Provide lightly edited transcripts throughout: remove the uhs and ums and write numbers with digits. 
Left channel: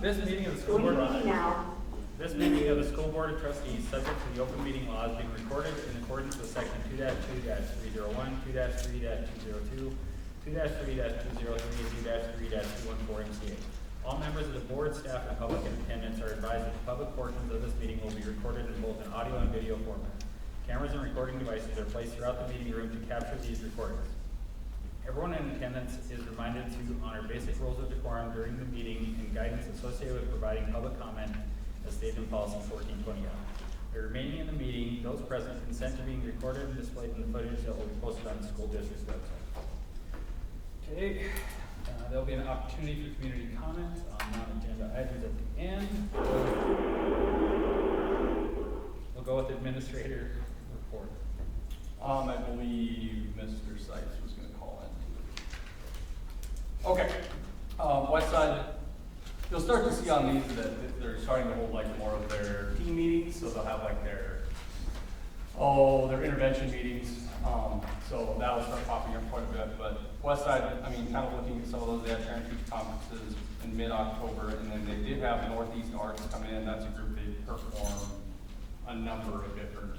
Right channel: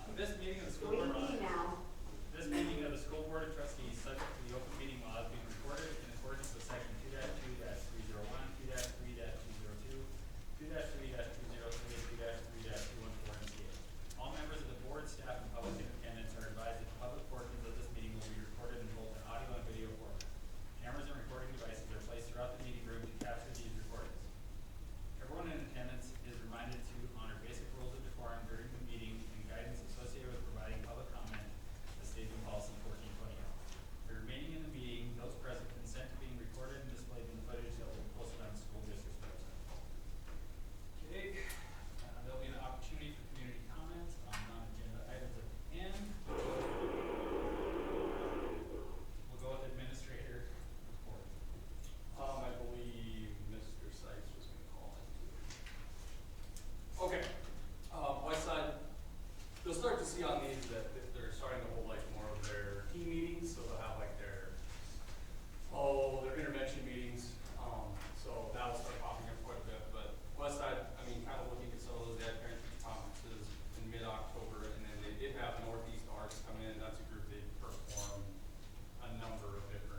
This meeting of the school board of trustees, subject to the open meeting laws, being recorded in accordance with section 2-2-301, 2-3-202, 2-3-203, 2-3-214, and 2. All members of the board, staff, and public in attendance are advised that public portions of this meeting will be recorded in both an audio and video format. Cameras and recording devices are placed throughout the meeting room to capture these recordings. Everyone in attendance is reminded to honor basic rules of decorum during the meeting and guidance associated with providing public comment as stated in policy 1421. The remaining in the meeting, those present consent to being recorded and displayed in footage that will be posted on the school district's website. Okay, there'll be an opportunity for community comment on non-agenda items at the end. We'll go with the administrator report. I believe Mr. Sidney is going to call in. Okay. West Side, you'll start to see on these that they're starting to hold like more of their team meetings, so they'll have like their intervention meetings. So that was the top of your point with it. But West Side, I mean, kind of looking at some of those, they had entry conferences in mid-October, and then they did have Northeast Arts come in. That's a group they perform a number of different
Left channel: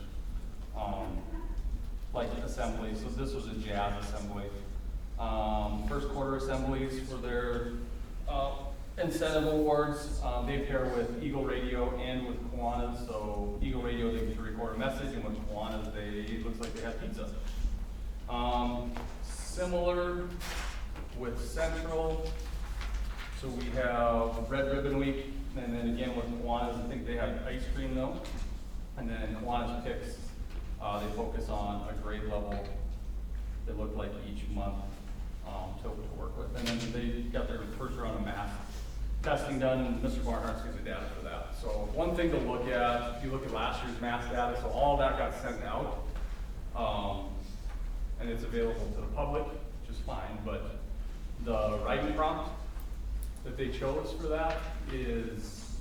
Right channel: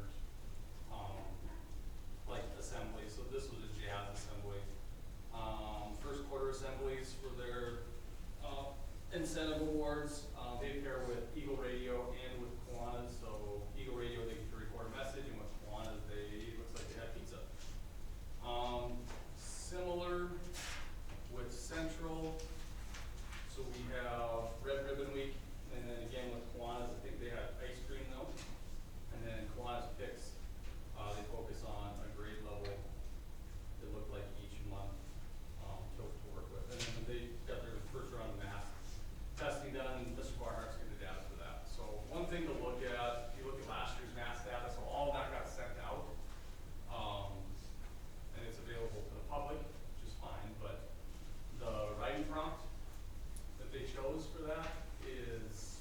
like assemblies. So this was a jazz assembly. First quarter assemblies for their incentive awards. They pair with Eagle Radio and with Kiwanis. So Eagle Radio, they record a message, and with Kiwanis, it looks like they have pizza. Similar with Central. So we have Red Ribbon Week, and then again with Kiwanis, I think they have ice cream though. And then Kiwanis tips. They focus on a grade level. They look like each month to work with. And then they got their first round of math testing done, and Mr. Barnhart's going to data for that. So one thing they look at, if you look at last year's math data, so all that got sent out, and it's available to the public, just fine. But the writing prompt that they chose for that is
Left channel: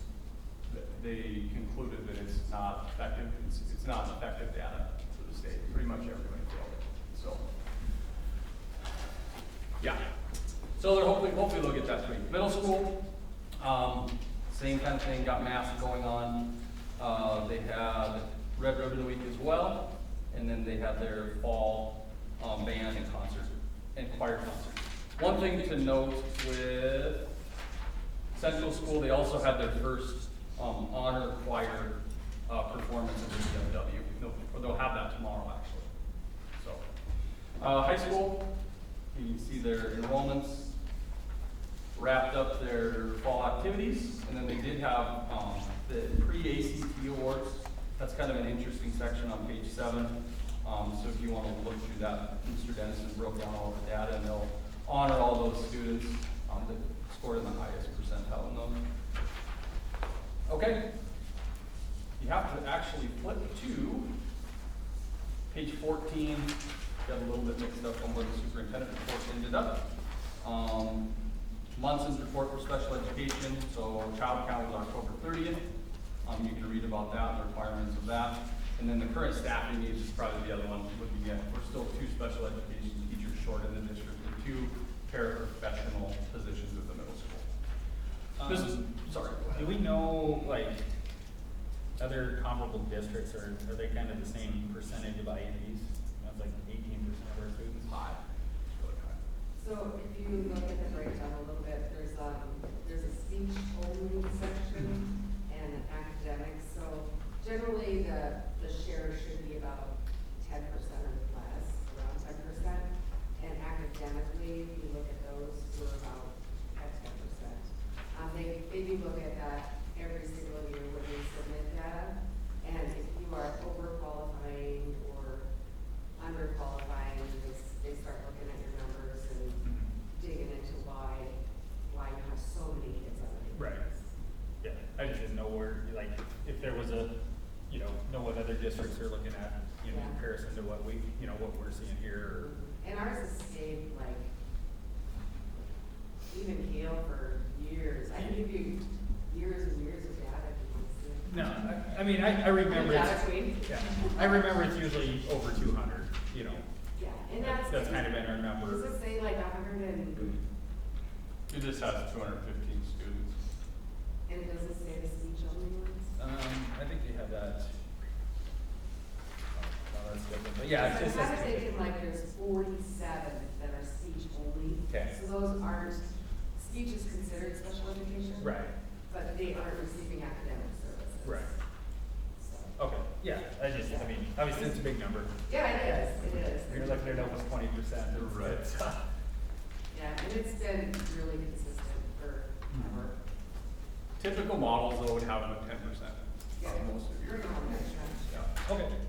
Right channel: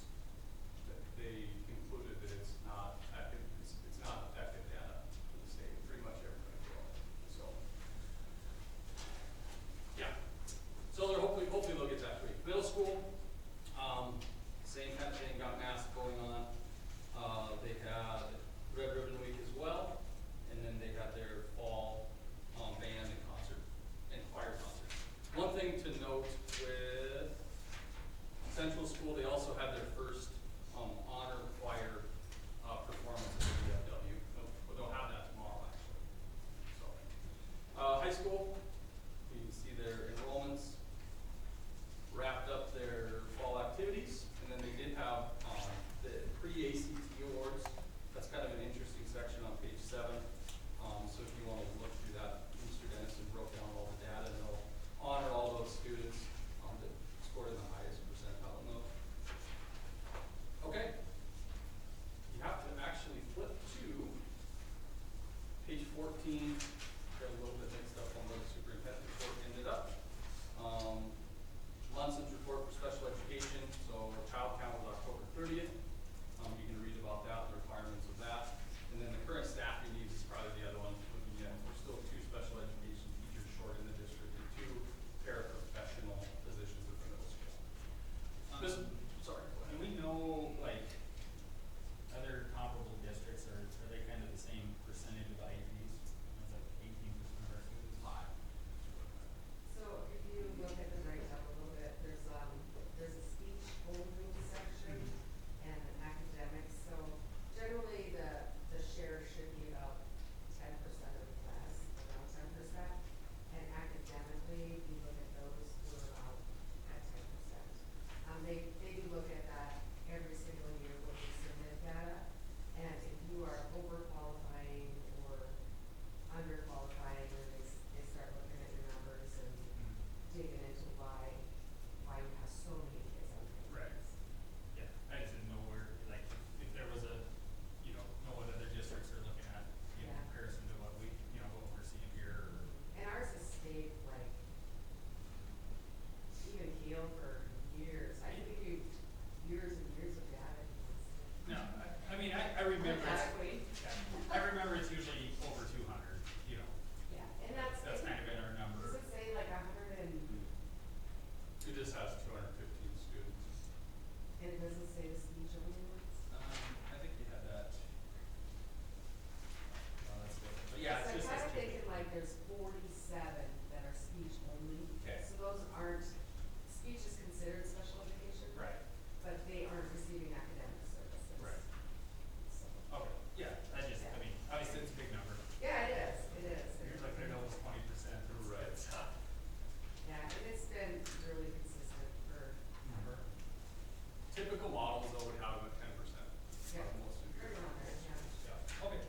they concluded that it's not effective. It's not effective data to the state. Pretty much everything. So, yeah. So they're hopefully they'll get that thing. Middle school, same kind of thing. Got math going on. They have Red Ribbon Week as well, and then they have their fall band concert and choir concert. One thing to note with Central School, they also have their first honor choir performance in the UNW. They'll have that tomorrow, actually. So, high school, you see their enrollments wrapped up their fall activities, and then they did have the pre-ACT awards. That's kind of an interesting section on page 7. So if you want to look through that, Mr. Dennison broke down all the data, and they'll honor all those students that scored in the highest percentile in those. Okay. You have to actually flip to page 14. Got a little bit mixed up on where the superintendent portion ended up. Months in support for special education. So child count is October 30th. You can read about that, the requirements of that. And then the current staffing needs is probably the other one we're looking at. We're still 2 special education teachers short in the district with 2 paraprofessional positions with the middle school. Sorry. Do we know, like, other comparable districts, or are they kind of the same percentage by age? Like 18% or 5. So if you look at the breakdown a little bit, there's a speech only section and academics. So generally the share should be about 10% or less, around 10%. And academically, we look at those who are about 10%. They do look at that every single year when they submit data. And if you are overqualified or underqualified, they start looking at your numbers and digging into why you have so many kids on your Right. Yeah, I just didn't know where, like, if there was a, know what other districts you're looking at, in comparison to what we, what we're seeing here. And ours is stayed like even Yale for years. I give you years and years of data. No, I mean, I remember I remember it's usually over 200, Yeah, and that's kind of been our number. Let's just say like 100 and You just have 215 students. Yeah, it's Because just, I was thinking like there's 47 that are speech only. Okay. So those aren't, speech is considered special education. right, But they aren't receiving academic services. Right. Okay, yeah, I mean, obviously it's a big number. Yeah, it is, it is. You're like, you're almost 20%. Right. Yeah, and it's been really consistent for, typical models though would have about 10%. you're going Okay.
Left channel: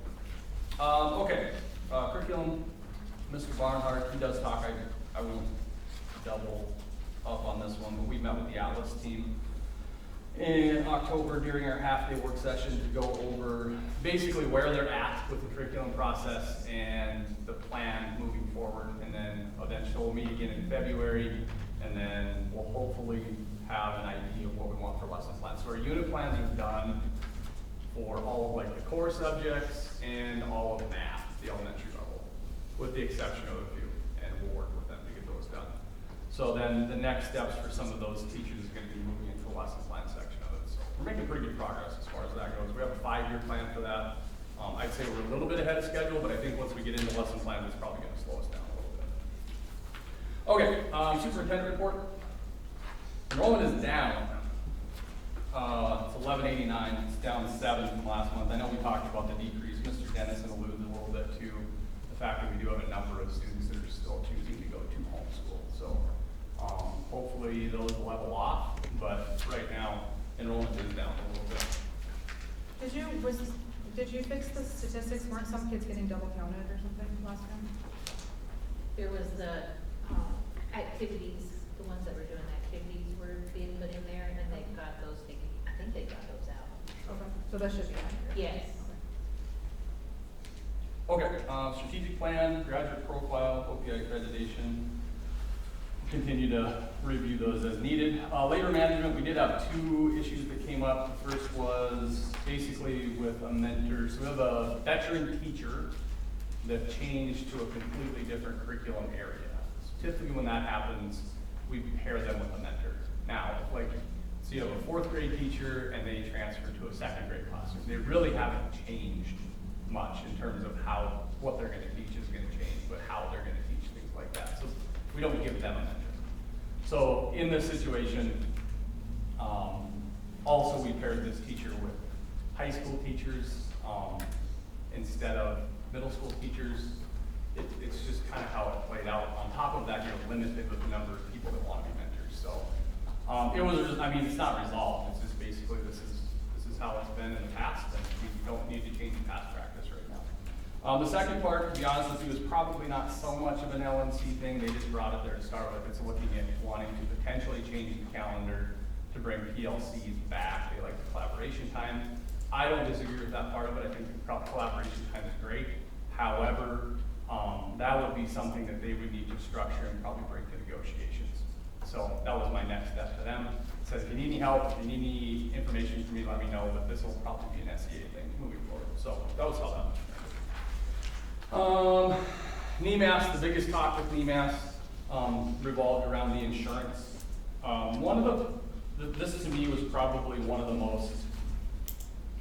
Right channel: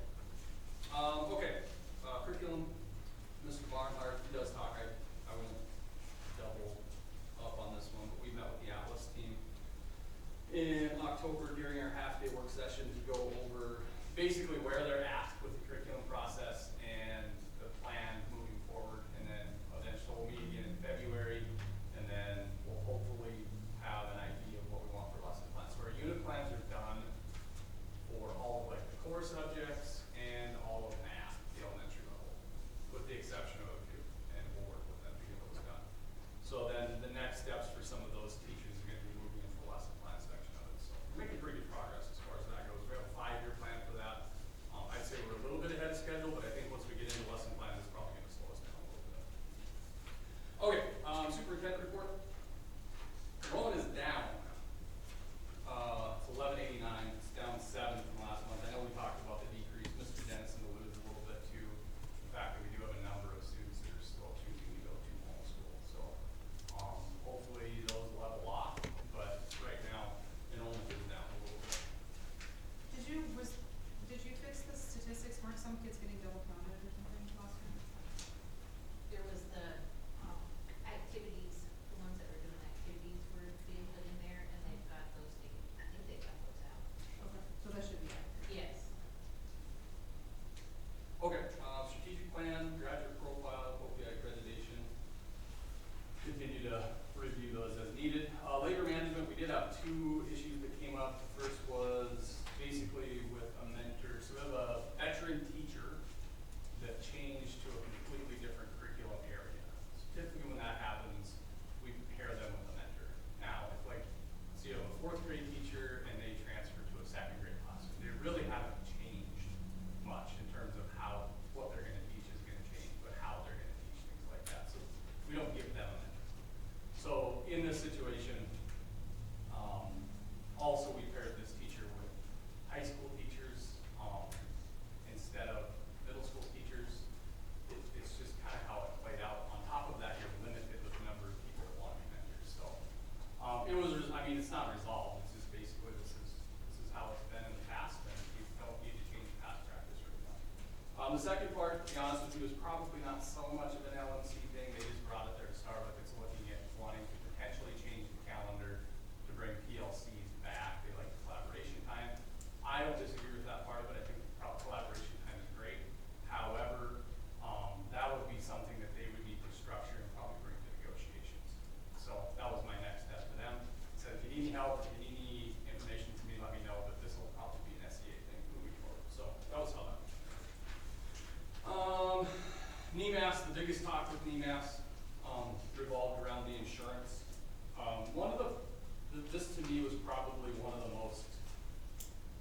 Okay, curriculum, Mr. Barnhart, he does talk, I won't double up on this one, but we met with the Atlas team in October during our half-day work session to go over basically where they're at with the curriculum process and the plan moving forward, and then eventually we'll meet again in February, and then we'll hopefully have an idea of what we want for lesson plans. So our unit plan is done for all of like the core subjects and all of math, the elementary level, with the exception of a few, and we'll work with them to get those done. So then the next steps for some of those teachers is going to be moving into the lesson plan section of it. So we're making pretty good progress as far as that goes. We have a 5-year plan for that. I'd say we're a little bit ahead of schedule, but I think once we get into lesson plan, it's probably going to slow us down a little bit. Okay, superintendent report. Enrollment is down. It's 1189, it's down 7 from last month. I know we talked about the decrease. Mr. Dennis alluded a little bit to the fact that we do have a number of students that are still choosing to go to homeschool. So hopefully those will level off, but right now enrollment is down a little bit. Did you fix the statistics? Weren't some kids getting double counted or something last time? There was the activities, the ones that were doing activities were being put in there, and they got those, I think they got those out. Okay, so that should be. Yes. Okay, strategic plan, graduate profile, OPI accreditation. Continue to review those as needed. Labor management, we did have 2 issues that came up. The first was basically with a mentor. So we have a veteran teacher that changed to a completely different curriculum area. So typically when that happens, we pair them with a mentor. Now, like, so you have a 4th grade teacher and they transfer to a 2nd grade class. So they really haven't changed much in terms of what they're going to teach is going to change, but how they're going to teach things like that. So we don't give them a mentor. So in this situation, also we paired this teacher with high school teachers instead of middle school teachers. It's just kind of how it played out. On top of that, you're limited with the number of people that want to be mentors. So it was, I mean, it's not resolved. It's just basically this is how it's been in the past, and we don't need to change past practice right now. The second part, to be honest with you, is probably not so much of an LNC thing. They just brought up their start with it's looking at wanting to potentially change the calendar to bring PLCs back. They like the collaboration time. I don't disagree with that part of it. I think collaboration time is great. However, that would be something that they would need to structure and probably bring to negotiations. So that was my next step to them. It says, if you need any help, if you need any information from me, let me know. This will probably be an SCA thing moving forward. So that was awesome. NEMAS, the biggest talk with NEMAS revolved around the insurance. This to me was probably one of the most,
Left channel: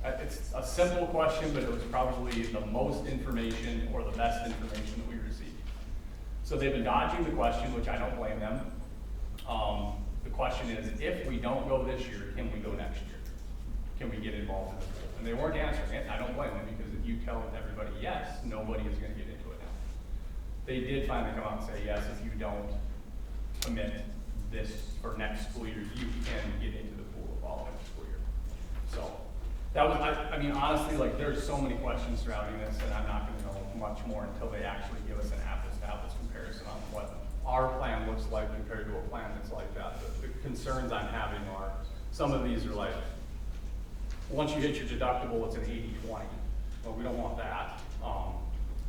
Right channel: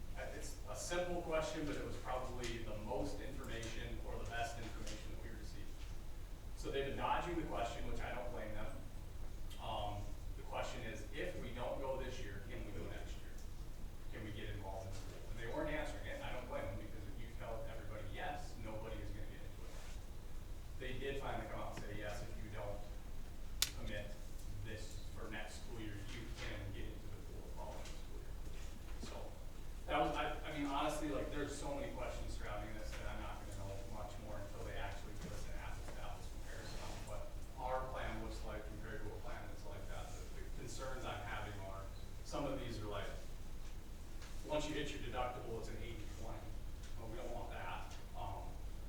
it's a simple question, but it was probably the most information or the best information we received. So they've been dodging the question, which I don't blame them. The question is, if we don't go this year, can we go next year? Can we get involved? And they weren't answering it. I don't blame them, because if you tell everybody yes, nobody is going to get into it. They did finally come out and say, yes, if you don't commit this or next school year, you can get into the pool the following school year. So that was, I mean, honestly, like, there's so many questions surrounding this, and I'm not going to know much more until they actually give us an apples-to-apples comparison on what our plan looks like compared to a plan that's like that. The concerns I'm having are, some of these are like, once you hit your deductible, it's an 80-20. Well, we don't want that.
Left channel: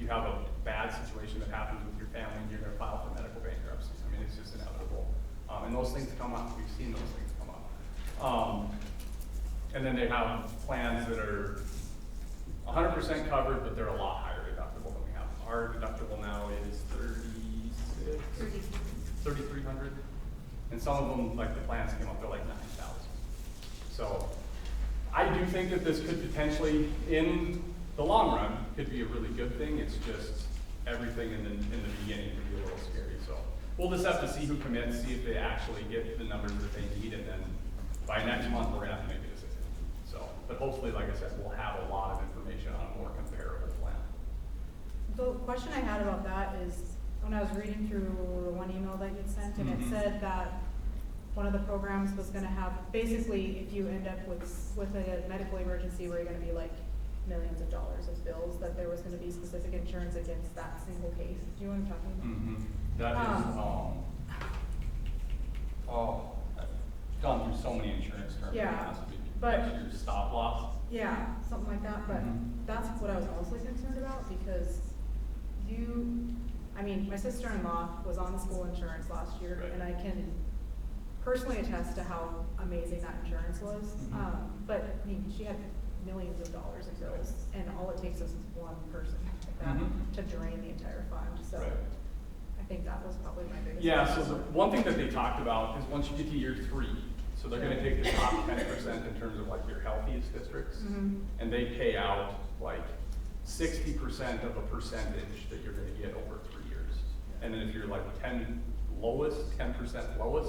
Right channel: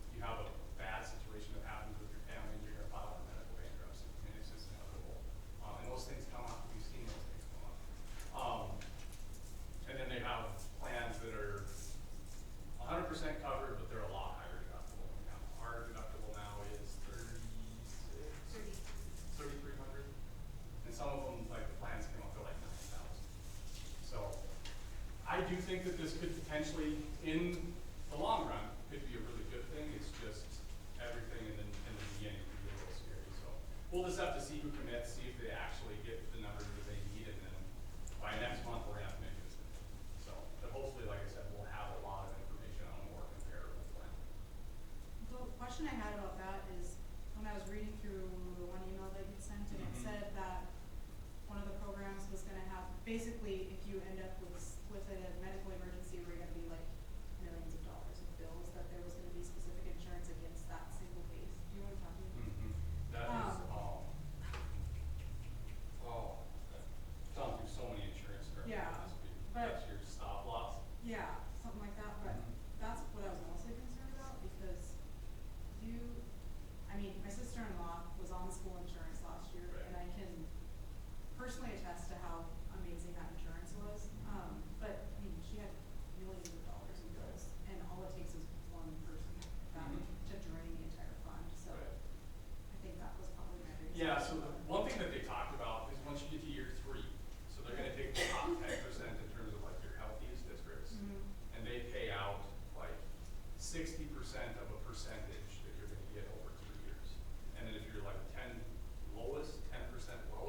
You have a bad situation that happens with your family, and you're going to file for medical bankruptcy. I mean, it's just inevitable. And those things come up. We've seen those things come up. And then they have plans that are 100% covered, but they're a lot higher deductible than we have. Our deductible now is $3,300, and some of them, like the plans, came up to like $19,000. So I do think that this could potentially, in the long run could be a really good thing. It's just everything in the beginning can be a little scary. So we'll just have to see who commits, see if they actually get the numbers that they need, and then by next month we're gonna have to make a decision. So, but hopefully, like I said, we'll have a lot of information on a more comparable plan. The question I had about that is, when I was reading through one email that you sent, and it said that one of the programs was gonna have, basically, if you end up with a medical emergency where you're gonna be like millions of dollars of bills, that there was gonna be specific insurance against that single case. Do you want to talk about that? That is, gone through so many insurance companies. Yeah, but- Stop loss. Yeah, something like that, but that's what I was mostly concerned about, because I mean, my sister-in-law was on school insurance last year, and I can personally attest to how amazing that insurance was. But, I mean, she had millions of dollars of bills, and all it takes is one person to drain the entire fund, so Right. I think that was probably my biggest. Yeah, so the one thing that they talked about is once you get to year 3, so they're gonna take the top 10% in terms of like your healthiest districts, and they pay out like 60% of the percentage that you're gonna get over 3 years. And then if you're like 10% lowest,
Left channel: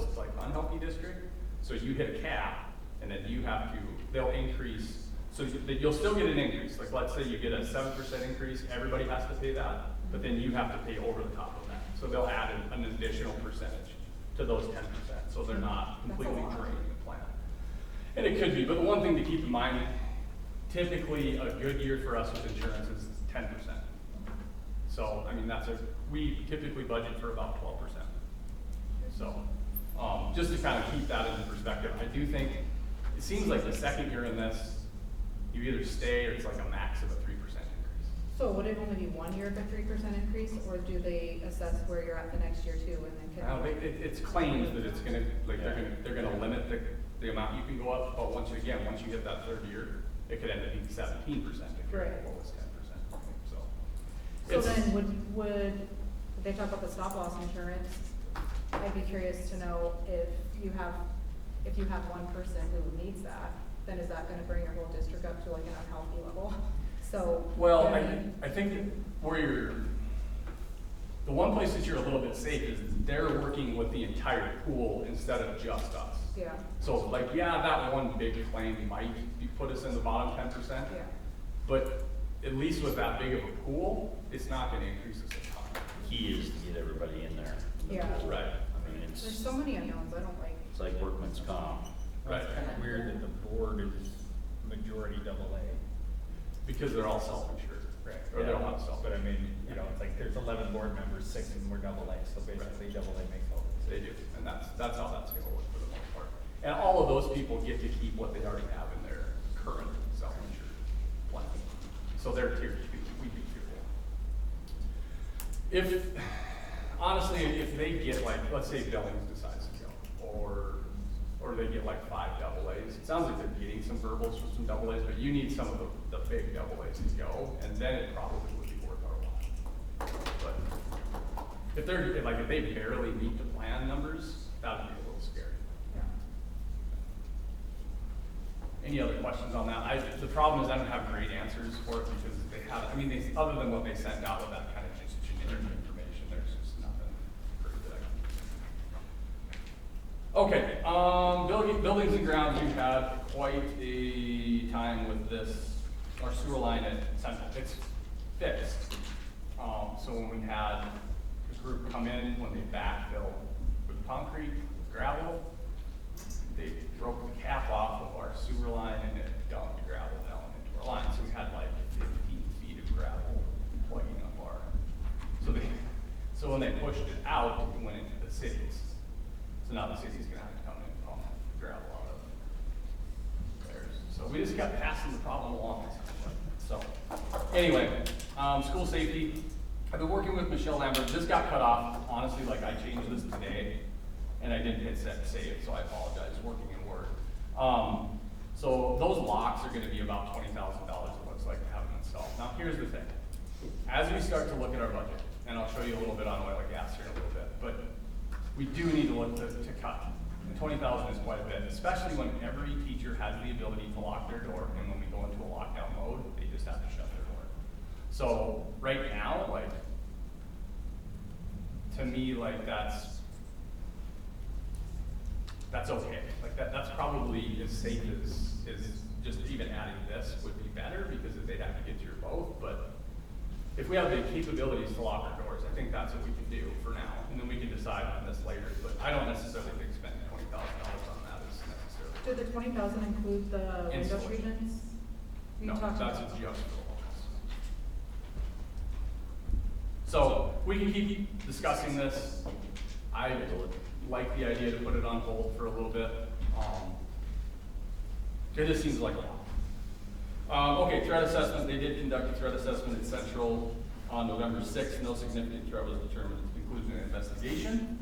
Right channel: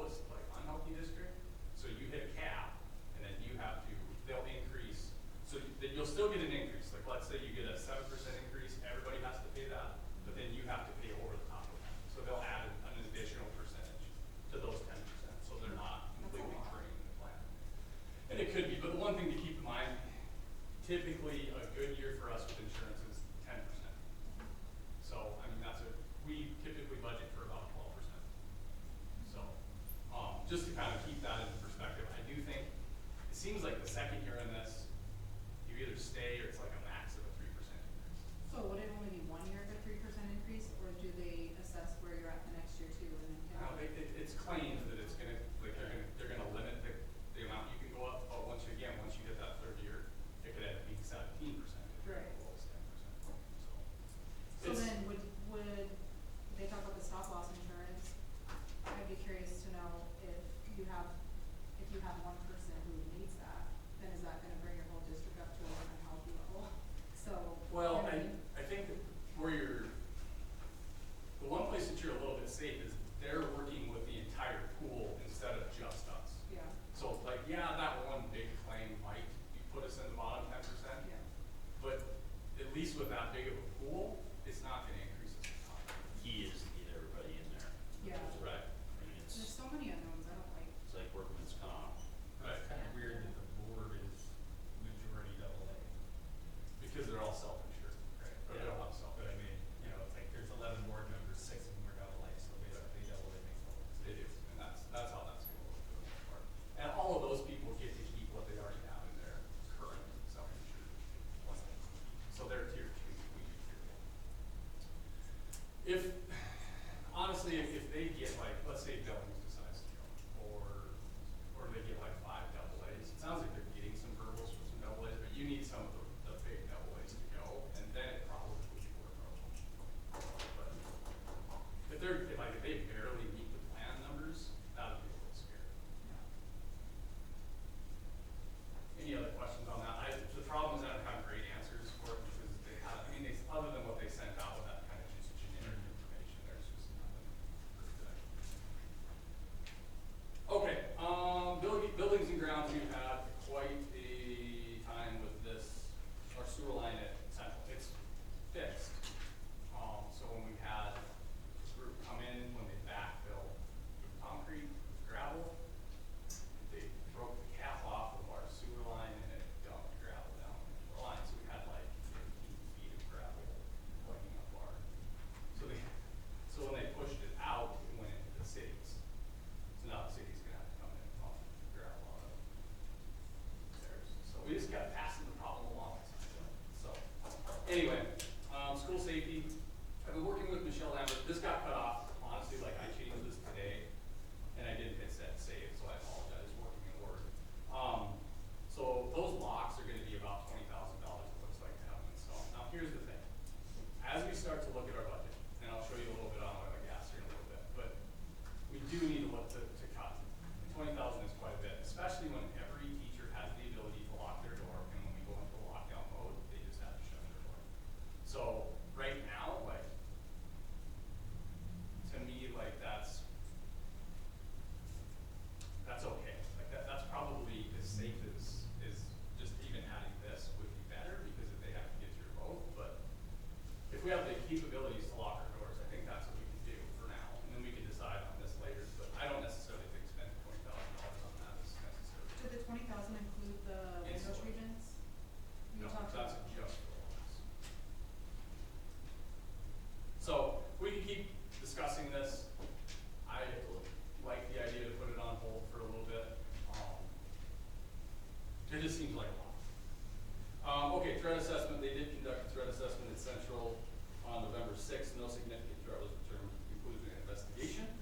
it's like unhealthy district, so you hit a cap, and then you have to, they'll increase, so you'll still get an increase, like let's say you get a 7% increase, everybody has to pay that, but then you have to pay over the top of that. So they'll add an additional percentage to those 10%, so they're not completely draining the plan. And it could be, but the one thing to keep in mind, typically a good year for us with insurance is 10%. So, I mean, we typically budget for about 12%. So, just to kind of keep that in perspective, I do think, it seems like the second year in this, you either stay or it's like a max of a 3% increase. So would it only be 1 year of a 3% increase, or do they assess where you're at the next year too, and then? It's claimed that it's gonna, like, they're gonna limit the amount you can go up, but once you get that third year, it could end up being 17%. Right. So. So then would, they talk about the stop loss insurance, I'd be curious to know if you have one person who needs that, then is that gonna bring your whole district up to like a healthy level? So. Well, I think where the one place that you're a little bit safe is they're working with the entire pool instead of just us. Yeah. So like, yeah, that one big claim might put us in the bottom 10%, but at least with that big of a pool, it's not gonna increase us. Key is to get everybody in there. Yeah. Right. I mean, There's so many unknowns, I don't like. it's like workman's comp. Right. It's weird that the board is majority AA. Because they're all self-insured, right? Or they're all But I mean, you know, it's like there's 11 board members, 6 of them were AA, so basically AA makes all this. They do, and that's how that's gonna work for the most part. And all of those people get to keep what they already have in their current self-insured plan. So they're tier 2, we do tier 2. If, honestly, if they get like, let's say Billings decides to go, or they get like 5 AAs, it sounds like they're getting some verbals from some AAs, but you need some of the big AAs to go, and then it probably would be worth our while. But if they're doing, like, if they barely meet the plan numbers, that'd be a little scary. Any other questions on that? The problem is I don't have great answers for it because they have, I mean, other than what they sent out, that kind of information, there's nothing pretty good. Okay, buildings and grounds, we've had quite a time with this. Our sewer line, it's fixed. So when we had the group come in, when they backfilled with concrete, gravel, they broke a cap off of our sewer line and it dumped gravel down into our line. So we had like 15 feet of gravel plugging up our. So when they pushed it out, it went into the cities. So now the cities are gonna come and pump gravel out of it. So we just got passing the problem along. So anyway, school safety. I've been working with Michelle Lambert. This got cut off. Honestly, like I changed this today, and I didn't hit save, so I apologize. Working in Word. So those locks are going to be about $20,000. It looks like we have them installed. Now here's the thing. As we start to look at our budget, and I'll show you a little bit on oil and gas here in a little bit, but we do need to look to cut. And 20,000 is quite a bit, especially when every teacher has the ability to lock their door, and when we go into a lockdown mode, they just have to shut their door. So right now, like, to me, like, that's okay. Like, that's probably as safe as just even adding this would be better, because they have to get your vote, but if we have the capabilities to lock the doors, I think that's what we can do for now, and then we can decide on this later, but I don't necessarily think spending $20,000 on that is necessary. Did the 20,000 include the window treatments? No, that's just the other. So, we can keep discussing this. I like the idea to put it on hold for a little bit. It just seems like, okay, threat assessment, they did conduct a threat assessment in Central on November 6th. No significant threat was determined, including an investigation.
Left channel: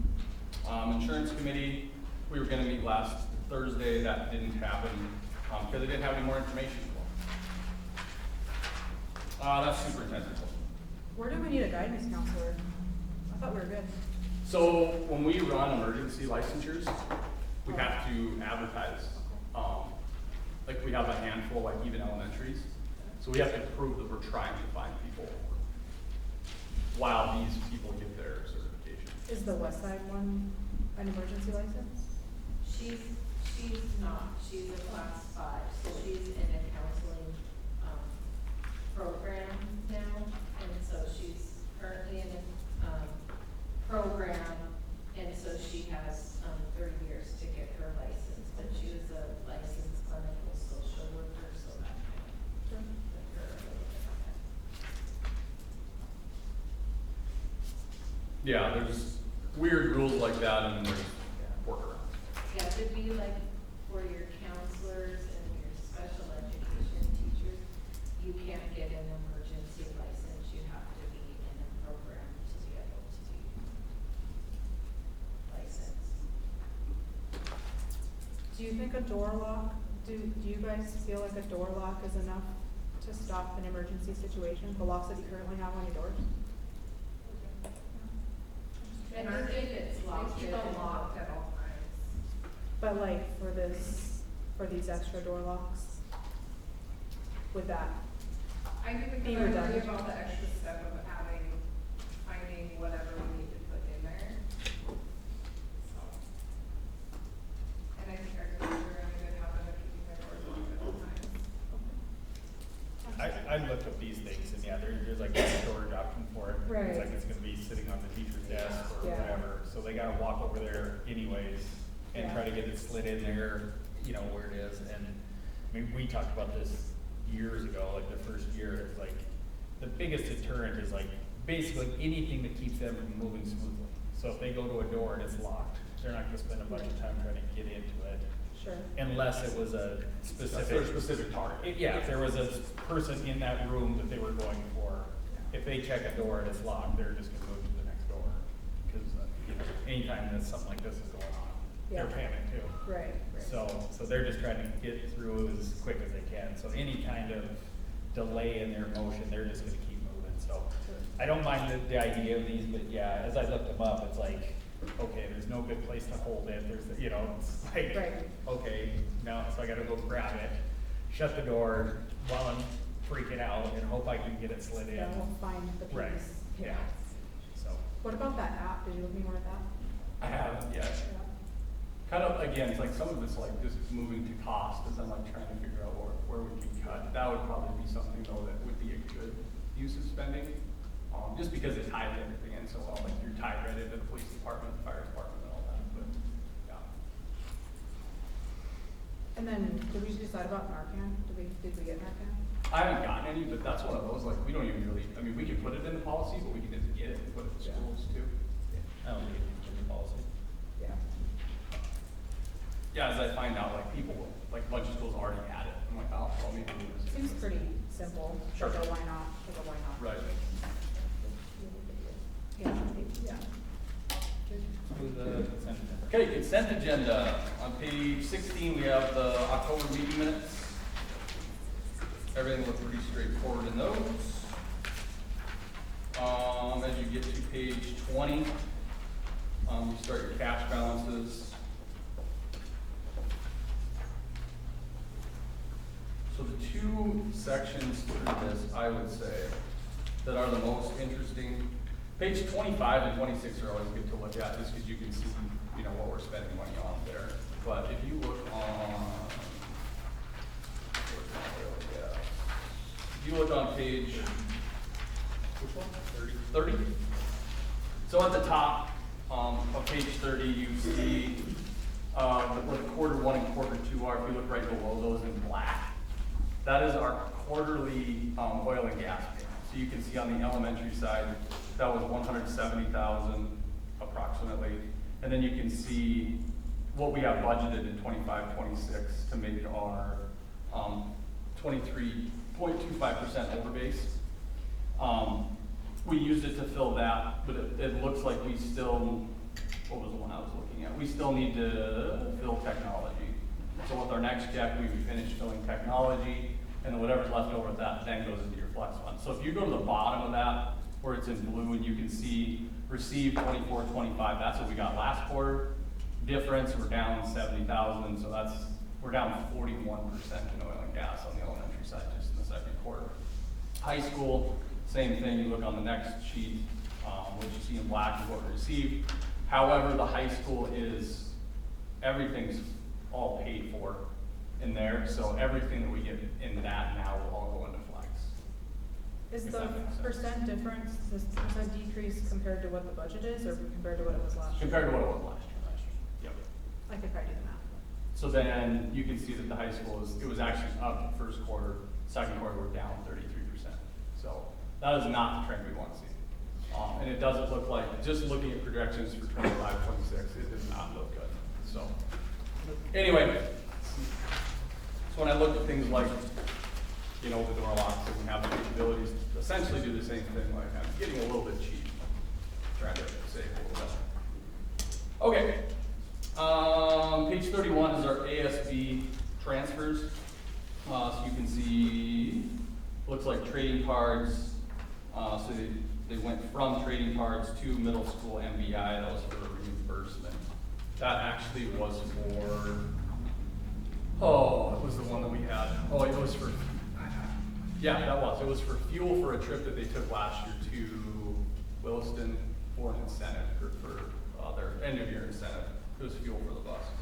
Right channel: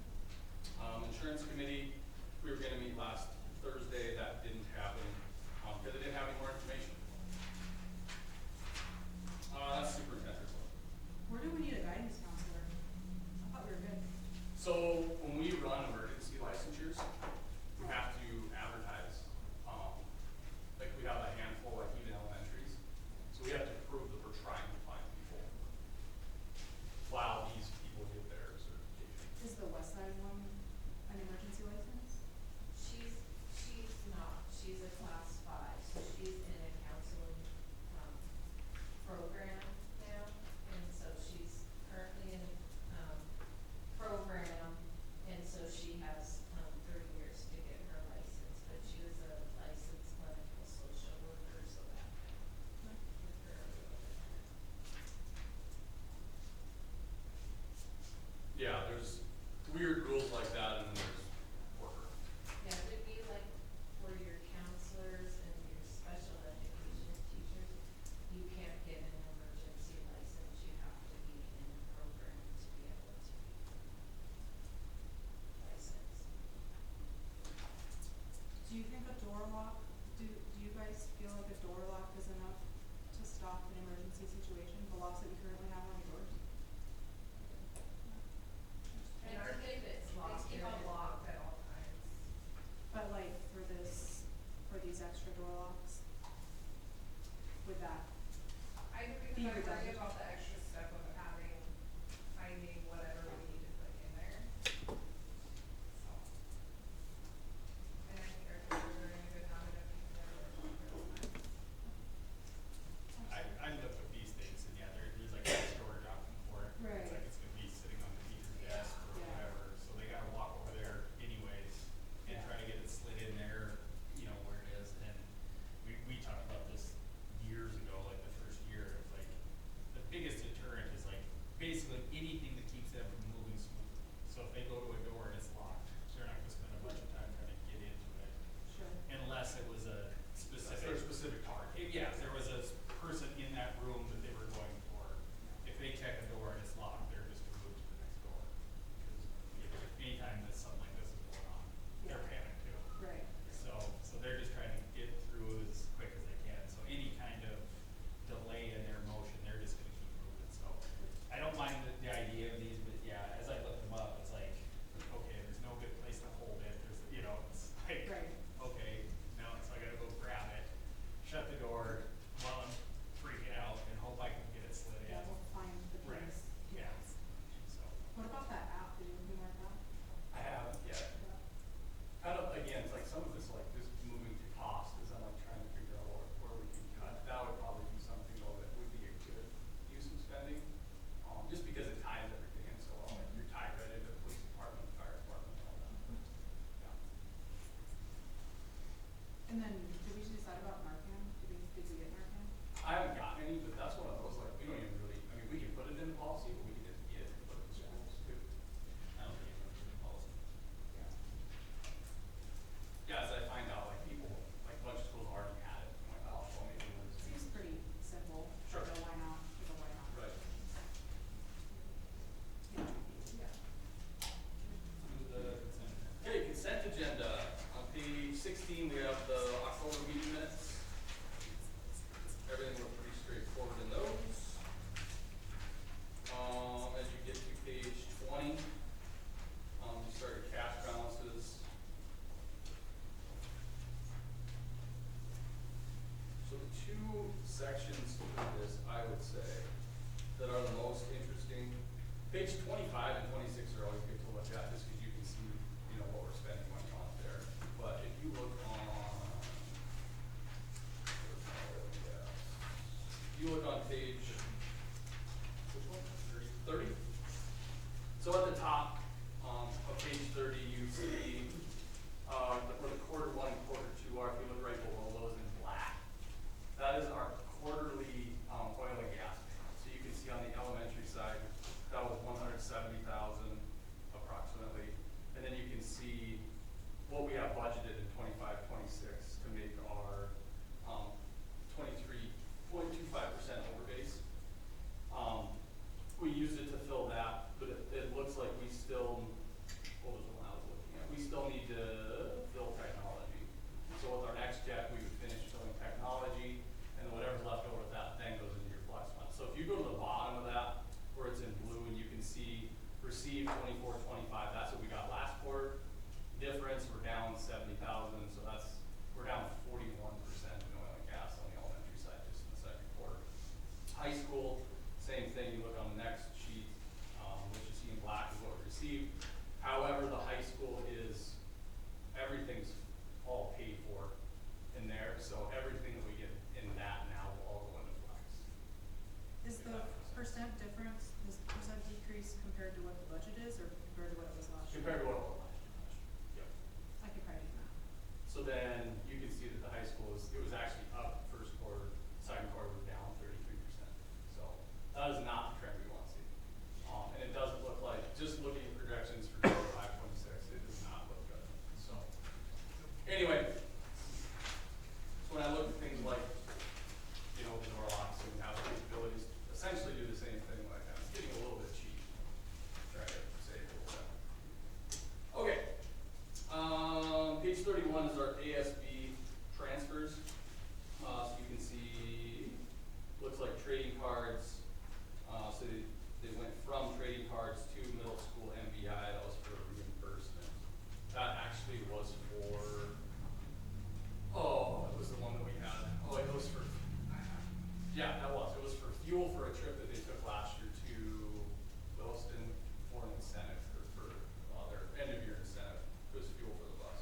Insurance committee, we were gonna meet last Thursday, that didn't happen, because they didn't have any more information. That's superintendent. Where do we need a guidance counselor? I thought we were good. So when we run emergency licensures, we have to advertise. Like we have a handful, like even elementaries. So we have to prove that we're trying to find people while these people get their certification. Is the West Side one an emergency license? She's not, she's a class 5, so she's in a counseling, program now, and so she's currently in, program, and so she has, 3 years to get her license, and she was a licensed clinical social worker, so that. Yeah, there's weird rules like that and there's work. Yeah, to be like, for your counselors and your special education teachers, you can't get an emergency license, you have to be in a program to be able to license. Do you think a door lock, do you guys feel like a door lock is enough to stop an emergency situation? The locks that you currently have on your doors? And I think it's locked, it's locked at all times. But like for these extra door locks, would that be redundant? All the extra stuff of having, finding whatever we need to put in there. And I think we're gonna go on with I looked up these things, and yeah, there's like a storage option for it. Right. It's like it's gonna be sitting on the teacher's desk or Yeah. whatever, so they gotta walk over there anyways and try to get it slid in there, you know, where it is, and I mean, we talked about this years ago, like the first year, it's like, the biggest deterrent is like, basically anything to keep them from moving smoothly. So if they go to a door and it's locked, they're not gonna spend a bunch of time trying to get into it. Sure. Unless it was a specific target. Yeah, if there was a person in that room that they were going for, if they check a door and it's locked, they're just gonna go to the next door. Because, anytime that something like this is going on, they're Yeah. paying too. Right. So they're just trying to get through as quick as they can. So any kind of delay in their motion, they're just gonna keep moving. So I don't mind the idea of these, but yeah, as I looked them up, it's like, okay, there's no good place to hold it. There's, you know, it's like, Right. okay, now, so I gotta go grab it, shut the door while I'm freaking out and hope I can get it slid in. Yeah, we'll find the piece. Right, yeah. So, What about that app? Did you have any more of that? I have, yeah. Kind of, again, it's like some of this, like, this is moving to cost, and then I'm trying to figure out where would we cut. That would probably be something, though, that would be a good use of spending, just because it's highlighted again, so all like you're highlighted in the police department, fire department, and all that, but, yeah. And then, did we decide about Narcan? Did we get Narcan? I haven't gotten any, but that's what I was like, we don't even really, I mean, we can put it in the policy, but we can get it, and put it in the schools too. I don't think it's in the policy. Yeah. Yeah, as I find out, like, people, like, budget was already at it, I'm like, oh, well, maybe we can Seems pretty simple. Sure. So why not? So why not? Right. Yeah. Yeah. Okay, consent agenda. On page 16, we have the October meeting minutes. Everything looks pretty straightforward in those. As you get to page 20, you start your cash balances. So the two sections to this, I would say, page 25 and 26 are always good to look at, just because you can see, you know, what we're spending money on there. But if you look on page, which one? 30. So at the top of page 30, you see what quarter 1 and quarter 2 are. If you look right below those in black, that is our quarterly oil and gas. So you can see on the elementary side, that was 170,000 approximately. And then you can see what we have budgeted in 25, 26 to make our 23.25% over base. We used it to fill that, but it looks like we still, what was the one I was looking at? We still need to fill technology. So with our next check, we finish filling technology, and whatever's left over that then goes into your flex fund. So if you go to the bottom of that, where it says blue, and you can see received 24, 25, that's what we got last quarter. Difference, we're down 70,000, so we're down 41% in oil and gas on the elementary side just in the second quarter. High school, same thing. You look on the next sheet, we'll just see in black what we received. However, the high school is, everything's all paid for in there, so everything that we get in that now will all go into flex. Is the percent difference, is the decrease compared to what the budget is, or compared to what it was last year? Compared to what it was last year. Yep. I think I did that. So then you can see that the high school it was actually up first quarter, second quarter we're down 33%. So that is not the trend we want to see. And it doesn't look like, just looking at projections for 25, 26, it does not look good. So anyway, so when I look at things like, you know, with the robots and having the abilities to essentially do the same thing, like I'm getting a little bit cheap. Trying to say okay. Page 31 is our ASB transfers. So you can see, looks like trading cards. So they went from trading cards to middle school MBI. That was for reimbursement. That actually was for, what was the one that we had? Oh, it was for, yeah, that was. It was for fuel for a trip that they took last year to Williston for an incentive for their engineering incentive. It was fuel for the buses.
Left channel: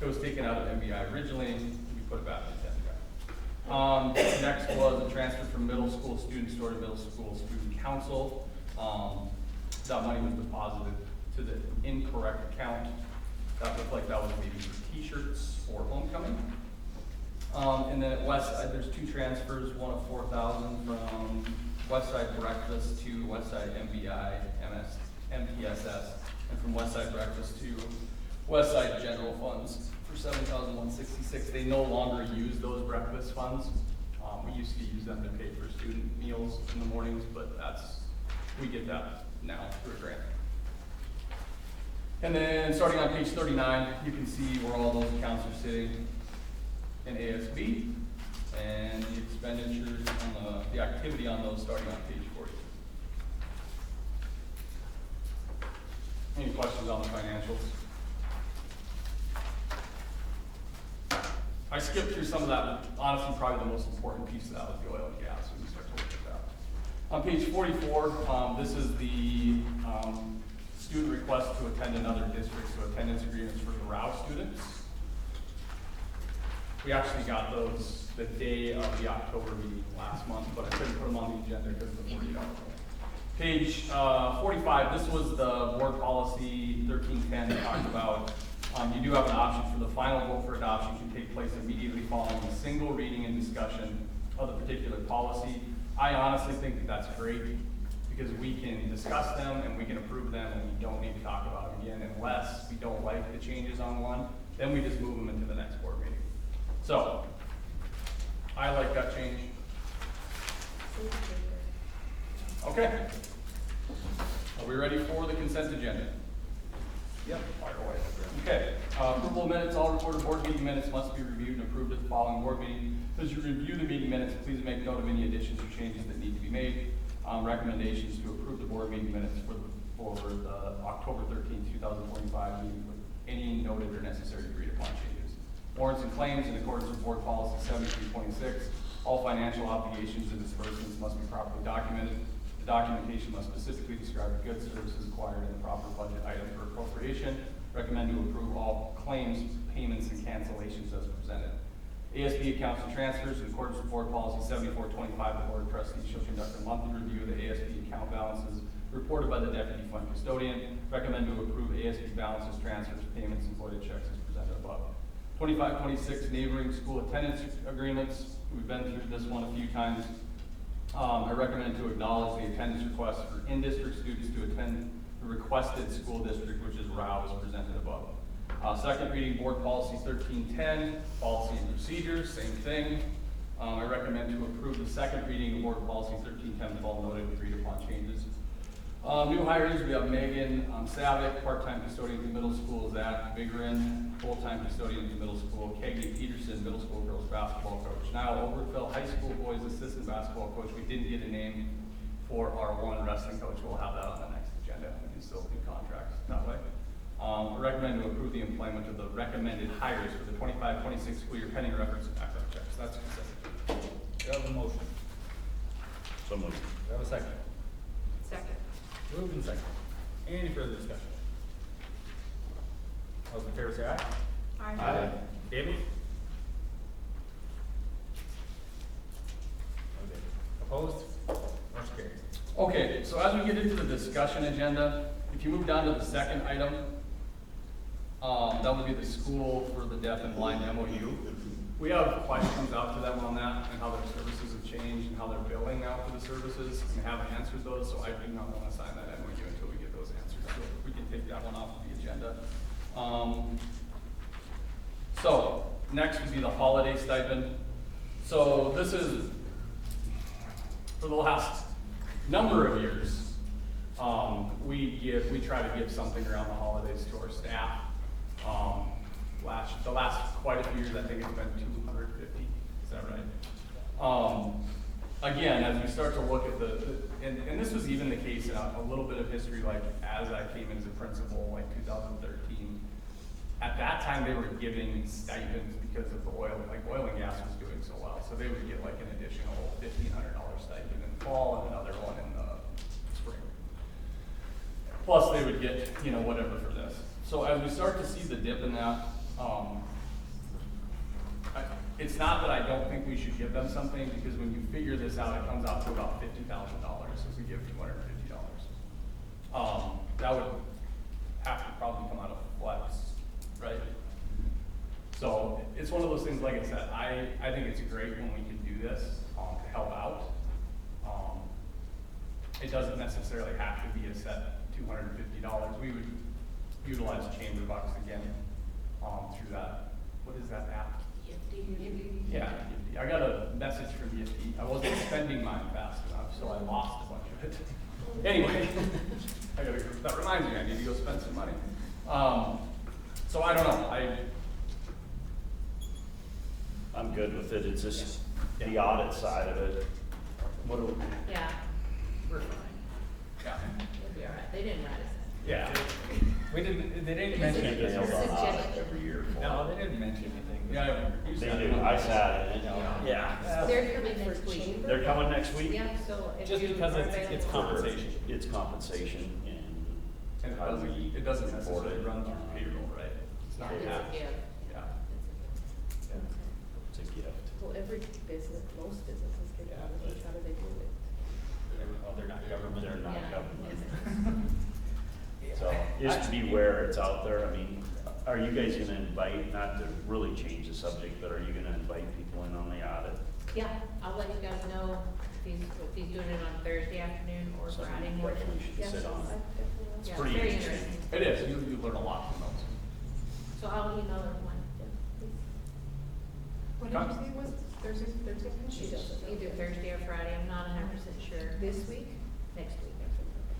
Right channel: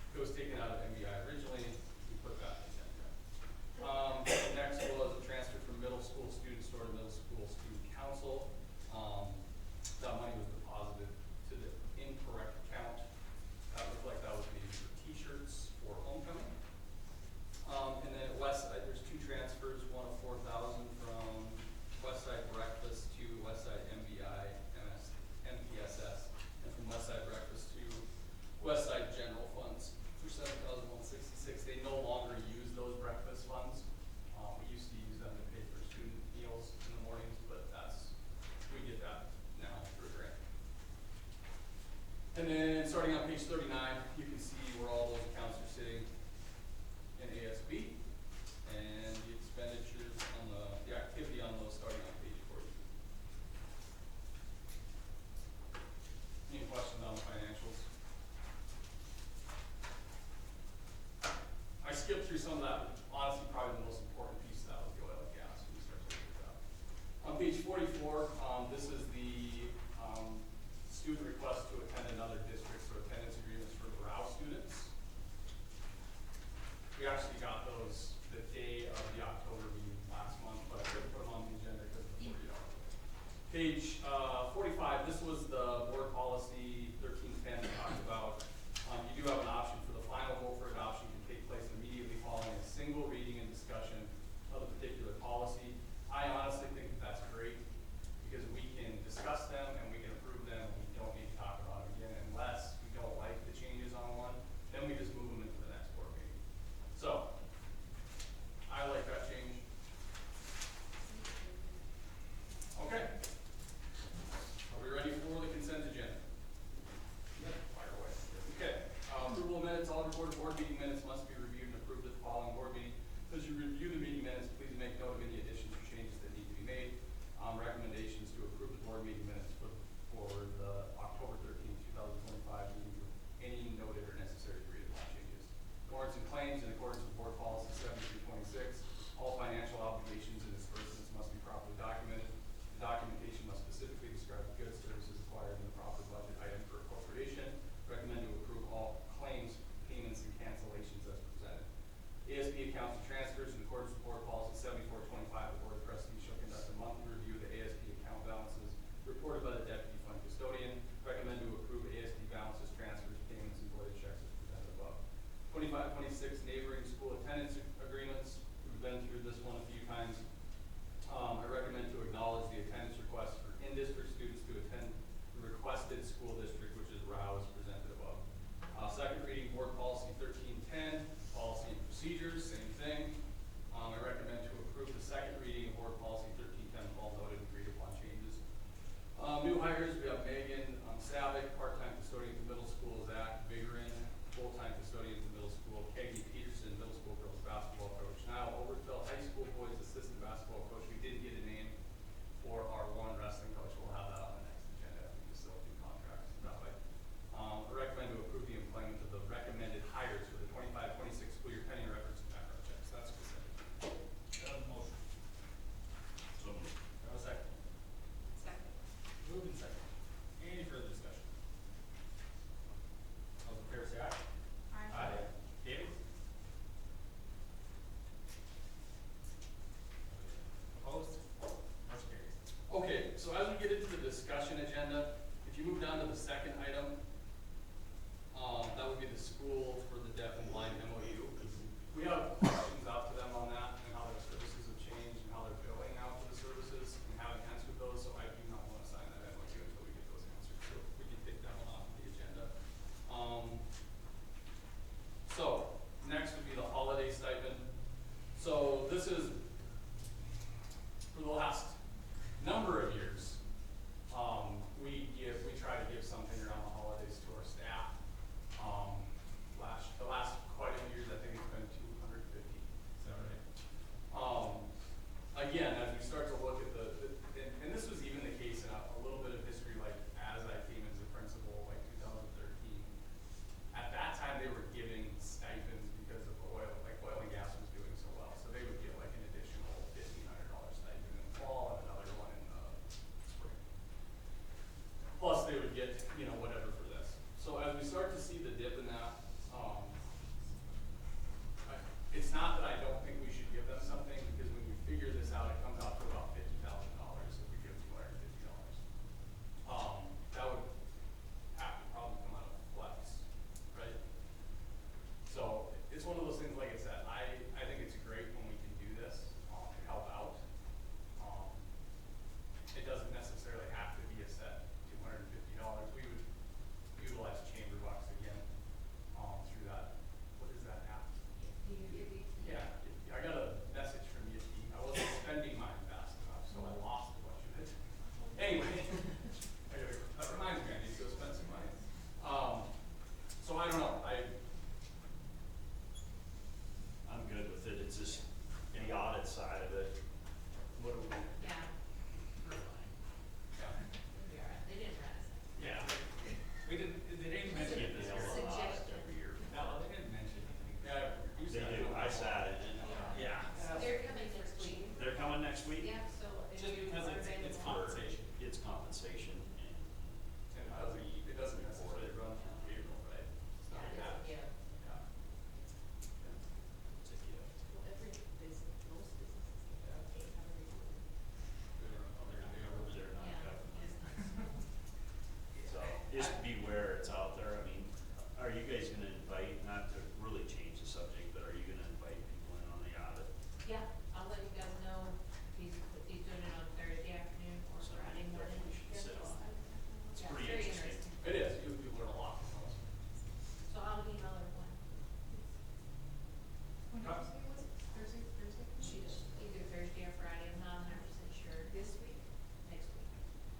It was taken out of MBI originally, we put it back in MBI. Next was a transfer from middle school students to middle school student council. That money was deposited to the incorrect account. That looked like that was maybe t-shirts or homecoming. And then at Westside, there's two transfers, one of 4,000 from Westside Breakfast to Westside MBI, MPSS, and from Westside Breakfast to Westside General Funds for $7,166. They no longer use those breakfast funds. We used to use them to pay for student meals in the mornings, but we get that now through a grant. And then starting on page 39, you can see where all those accounts are sitting in ASB, and the expenditures, the activity on those starting on page 40. Any questions on the financials? I skipped through some of that. Honestly, probably the most important piece of that was the oil and gas. On page 44, this is the student request to attend another district, so attendance agreements for garage students. We actually got those the day of the October meeting last month, but I couldn't put them on the agenda because of the Page 45, this was the board policy 1310 that talked about. You do have an option for the final vote for adoption to take place immediately following a single reading and discussion of the particular policy. I honestly think that that's great because we can discuss them and we can approve them and we don't need to talk about them again unless we don't like the changes on one. Then we just move them into the next board meeting. So, I like that change. Okay. Are we ready for the consent agenda? Yep. Okay. Approval of minutes, all recorded board meeting minutes must be reviewed and approved at the following board meeting. As you review the meeting minutes, please make note of any additions or changes that need to be made. Recommendations to approve the board meeting minutes for October 13, 2025 meeting with any noted or necessary degree of changes. Warrants and claims in accordance with board policy 7326. All financial obligations and disbursements must be properly documented. The documentation must specifically describe goods, services acquired, and proper budget item for appropriation. Recommend to approve all claims, payments, and cancellations as presented. ASB accounts and transfers, in accordance with board policy 7425, the board president shall conduct a monthly review of the ASB account balances reported by the deputy fund custodian. Recommend to approve ASB balances, transfers, payments, and voided checks as presented above. 25-26 neighboring school attendance agreements. We've been through this one a few times. I recommend to acknowledge the attendance request for in-district students to attend the requested school district, which is routes presented above. Second reading, board policy 1310, policies and procedures, same thing. I recommend to approve the second reading, board policy 1310, all noted agreed upon changes. New hires, we have Megan Savick, part-time custodian at middle school, Zach Bigrin, full-time custodian at middle school, Keggy Peterson, middle school girls basketball coach. Now, Overfill High School boys assistant basketball coach, we did get a name for our one wrestling coach. We'll have that on the next agenda, and he's still in contract. Not right. Recommend to approve the employment of the recommended hires for the 25-26 school year pending reference and background checks. That's what it says. Do you have a motion? So moved. Do you have a second? Second. Moved and second. Any further discussion? All those in favor say aye. David? Opposed? Motion carried. Okay, so as we get into the discussion agenda, if you move down to the second item, that will be the school for the deaf and blind MOU. We have questions out to them on that, and how their services have changed, and how they're billing out for the services, and have answers to those, so I do not want to sign that MOU until we get those answers. So we can take that one off the agenda. So, next would be the holiday stipend. So this is, for the last number of years, we try to give something around the holidays to our staff. The last quite a few years, I think it's been 250, is that right? Again, as we start to look at and this was even the case in a little bit of history, like as I came into principal, like 2013, at that time they were giving stipends because of the oil and gas was doing so well. So they would get like an additional $1,500 stipend in the fall and another one in the spring. Plus they would get, whatever for this. So as we start to see the dip in that, it's not that I don't think we should give them something, because when you figure this out, it comes out to about $50,000 if we give $250. That would have to probably come out of flex, right? So it's one of those things, like I said, I think it's great when we can do this to help out. It doesn't necessarily have to be a set $250. We would utilize the chamber box again through that. What is that app? Yeah, I got a message from you. I wasn't spending mine fast enough, so I lost a bunch of it. Anyway, that reminds me, I need to go spend some money. So I don't know, I'm good with it. It's just the audit side of it. What do we? Yeah, yeah. they didn't know that. Yeah. They didn't mention Can't get it. held on audit every year. No, they didn't mention anything. Yeah. They do. I sat, yeah. They're coming next week. They're coming next week? Yeah, so. if Just you- because it's compensation. It's compensation And it doesn't necessarily run on payroll, right? It's not Yeah. cash. Yeah. to get. Well, every business posted, this is the, how do they do it? They're not government. They're not Yeah. government. So, just be aware it's out there. I mean, are you guys gonna invite, not to really change the subject, but are you gonna invite people in on the audit? Yeah, I'll let you guys know if he's doing it on Thursday afternoon or Friday morning. You should sit on it. It's Yeah, pretty very interesting. It is, you learn a lot from those. So I'll let you know. When did you say was Thursday? Either Thursday or Friday, I'm not 100% sure. This week? Next week.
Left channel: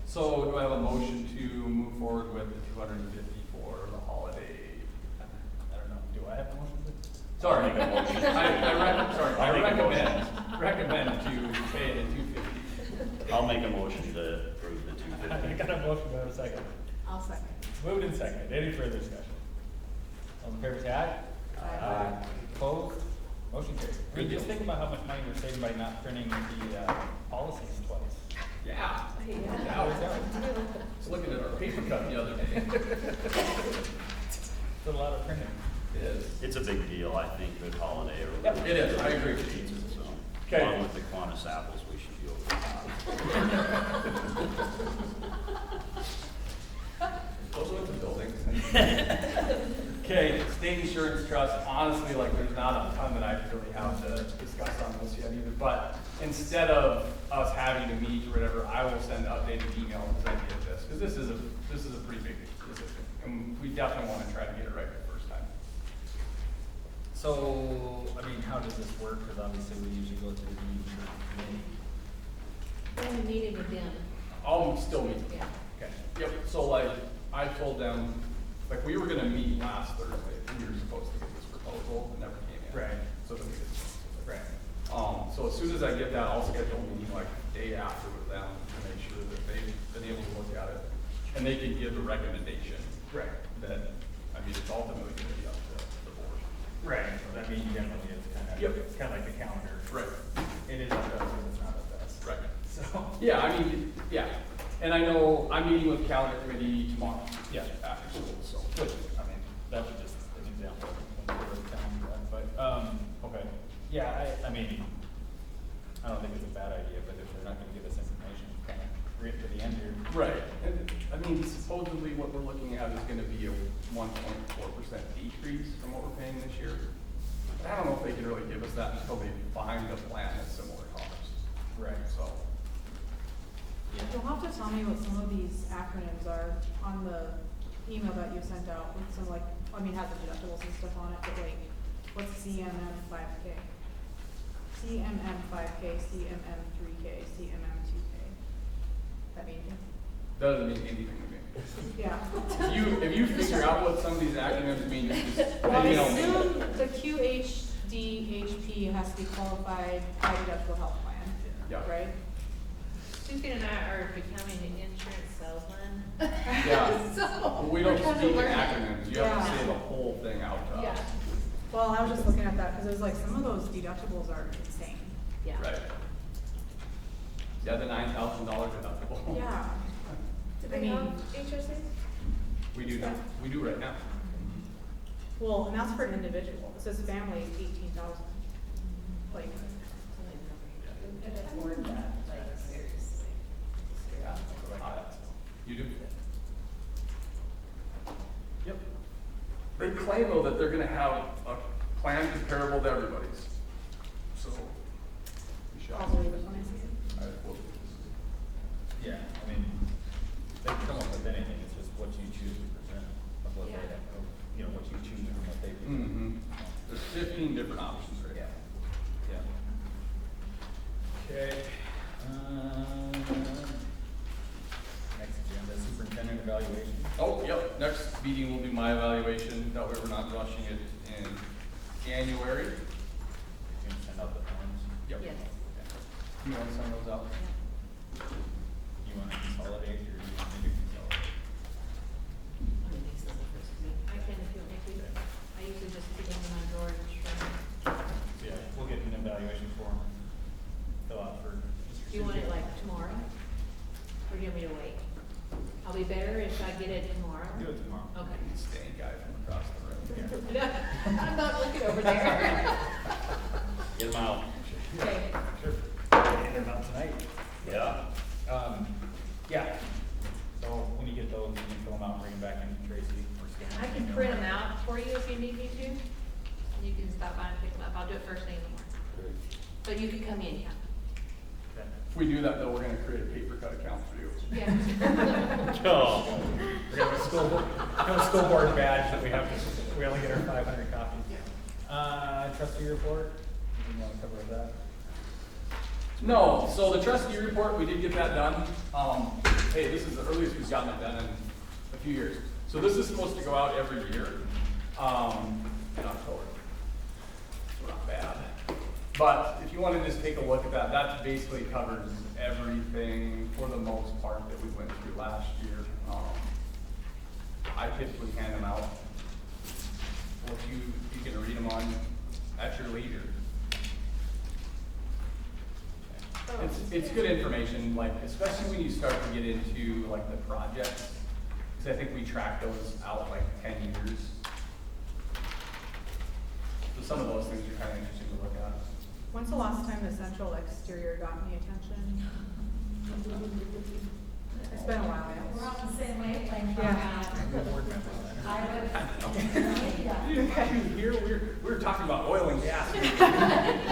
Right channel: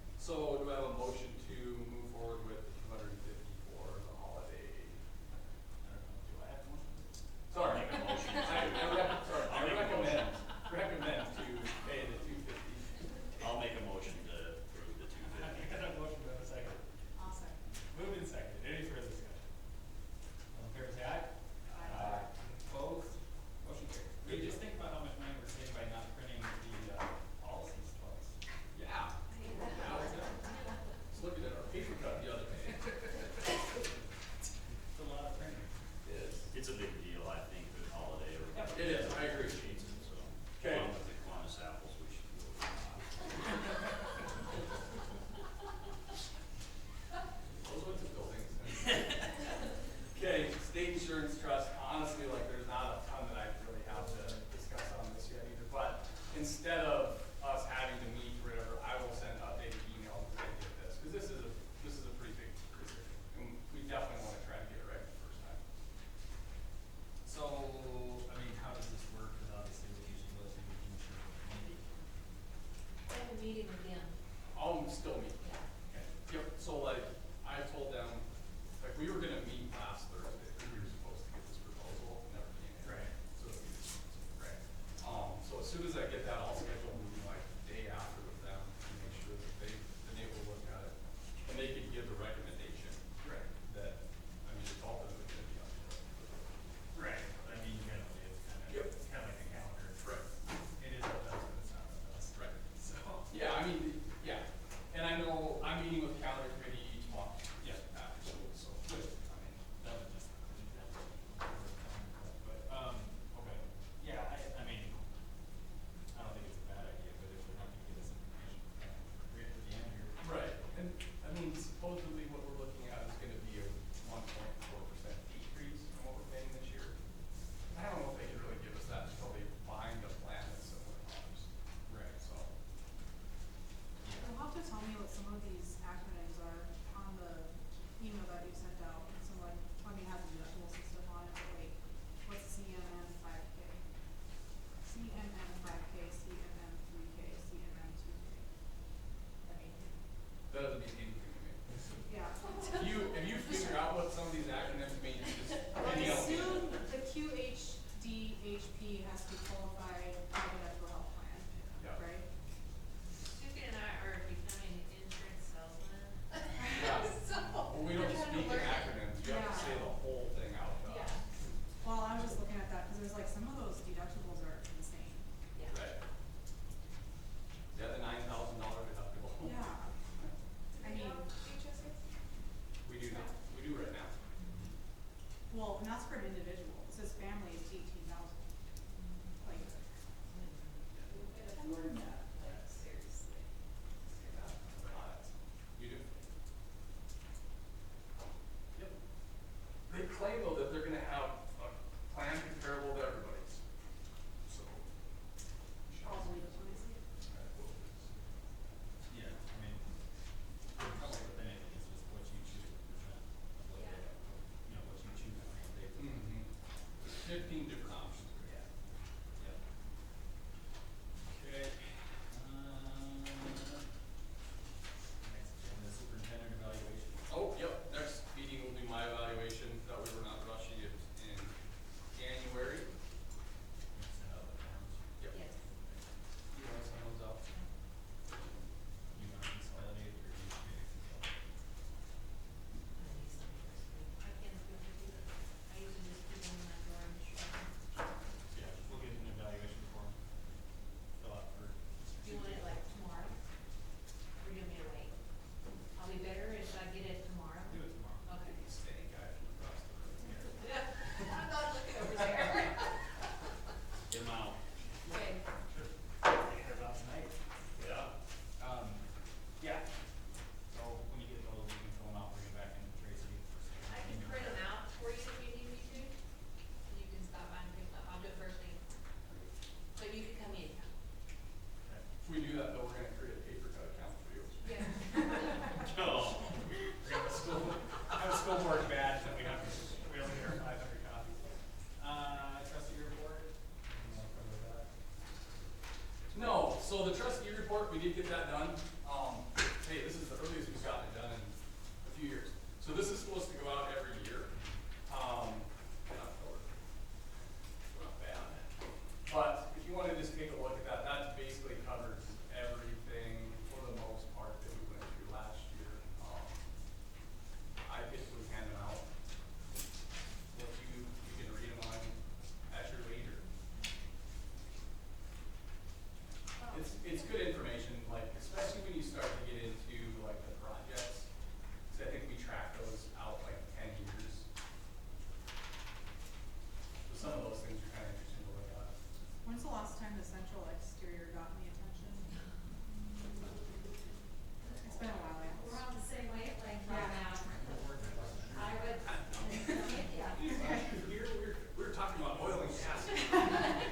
So do I have a motion to move forward with the 250 for the holiday? I don't know, do I have one? Sorry, I recommend that you pay 250. I'll make a motion to approve the I 250. got a motion, I have a second. I'll second. Moved and second. Any further discussion? All in favor, say aye. Aye. Opposed? Motion carried. Rick, just think about how much money you're saving by not turning in the policies in place. Yeah. I think, good holiday. Yep, it is, I agree. Okay. Along with the Kiwanis apples, we should feel good. Okay, state insurance trust, honestly, like, there's not a ton that I really have to discuss on this yet, but instead of us having to meet or whatever, I will send updated emails as I get this, because this is a pretty big decision, and we definitely want to try to get it right the first time. So, I mean, how does this work? Because obviously we usually go to the meeting. Only meeting again. Oh, still meeting. Yeah. Okay. Yep, so like, I told them, like, we were gonna meet last Thursday, we were supposed to get this proposal, and never came in. Right. So the Right. so as soon as I get that, I'll schedule a meeting like the day after with them to make sure that they've been able to look at it. And they can give the recommendation. Right. That, I mean, it's all going to be up to the board. Right. So that means you get like Yep. kind of like the calendar. Right. It is up to us, it's not up to us. Right. So. Yeah, I mean, yeah, and I know, I'm meeting with calendar committee tomorrow. Yeah. After school, so. Which, I mean, that was just an example. But, okay. Yeah, I mean, I don't think it's a bad idea, but if they're not gonna give us information, kind of right at the end here. Right, and I mean, supposedly what we're looking at is gonna be a 1.4% decrease from what we're paying this year. But I don't know if they can really give us that until they find the plan at similar costs. Right. So, You'll have to tell me what some of these acronyms are on the email that you sent out, so like, I mean, has the deductibles and stuff on it, but like, what's CMM 5K? CMM 5K, CMM 3K, CMM 2K. I mean, doesn't mean anything to me. yeah. If you figure out what some of these acronyms mean, Well, I you know, assume the QHDHP has to be qualified high deductible health plan, Yeah. right? She's getting at our accounting and insurance settlement. yeah, we don't see the acronyms, you have to Yeah. say the whole thing out loud. Yeah. Well, I was just looking at that, because it was like, some of those deductibles are insane. Yeah. Right. Yeah, the $9,000 deductible. Yeah. Do I they have mean- insurance? We do right now. Well, and that's for an individual, it says family, 18,000. Like. You do. Yep. They claim though that they're gonna have a plan comparable to everybody's. So. we shall- Yeah, I mean, they come up with anything, it's just what you choose to present, of what they, you know, what you choose and what they do. There's 15 different options right Yeah. now. Yeah. Okay, next agenda, superintendent evaluation. Oh, yep, next meeting will be my evaluation, that way we're not rushing it in January. And other ones. Yep. Yes. You want some of those out? You want to consolidate or you want to do consolidate? I usually just stick them in my drawer and Yeah, we'll get you an evaluation form, fill out for. Do you want it like tomorrow? Or do you want me to wait? I'll be better if I get it tomorrow. Do it tomorrow. Okay. Stand guy from the process, right? I'm not looking over there. Get them out. Okay. And not tonight. Yeah. Yeah. So when you get those, you can fill them out, bring them back, I can Tracy. I can print them out for you if you need me to. You can stop by and pick them up. I'll do it first thing. But you can come in, yeah. If we do that though, we're gonna create a paper cut account for you. Yeah. Oh. We have a school board badge that we have, we only get our 500 copies. Trustee report, you want to cover that? No, so the trustee report, we did get that done. Hey, this is the earliest we've gotten that done in a few years. So this is supposed to go out every year, in October. Not bad. But if you want to just take a look at that, that basically covers everything for the most part that we went through last year. I typically hand them out. What you can read them on at your leisure. It's good information, like, especially when you start to get into like the projects, because I think we track those out like 10 years. So some When's the last time Essential Exterior got any attention? It's been a while, guys. We're all the same way. Here, we're talking about oil and gas.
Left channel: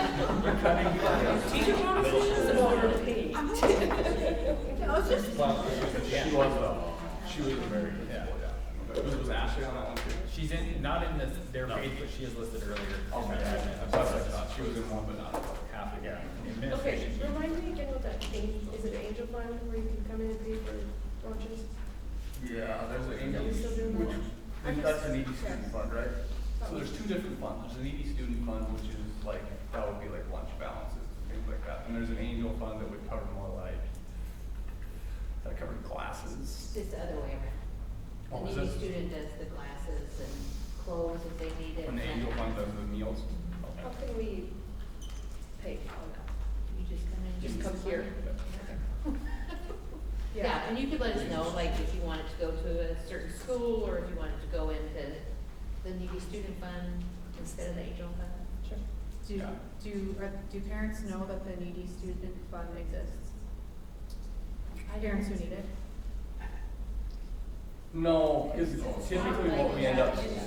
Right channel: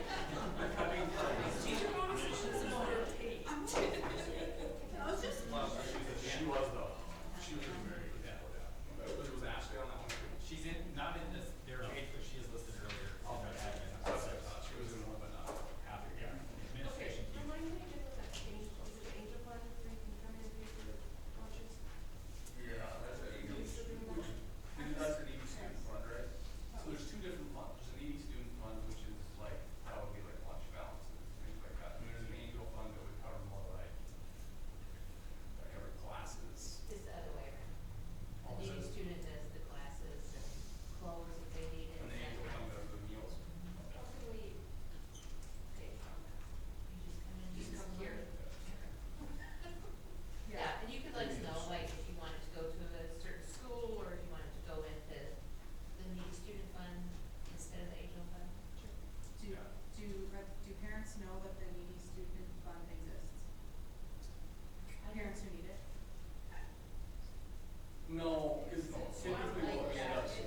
She was very, yeah. Was Ashley on that one too? She's in, not in their page, but she is listed earlier. She was in one, but not Half again. Okay, remind me again what that thing, is it Angel Fund where you can come in and pay for lunches? Yeah, there's an Are you still doing that? and that's an ED student fund, right? So there's two different funds. There's an ED student fund, which is like, that would be like lunch balances, things like that. And there's an angel fund that would cover more like, that covers classes. It's the other way. Oh, The is needy this- student does the classes and clothes if they need it. And the angel fund does the meals. How can we pay? You just come in. Just come here. Yeah, and you could let us know, like, if you wanted to go to a certain school, or if you wanted to go into the needy student fund instead of the angel fund. Do parents know that the needy student fund exists? Parents who need it? No, because typically what we end up. It's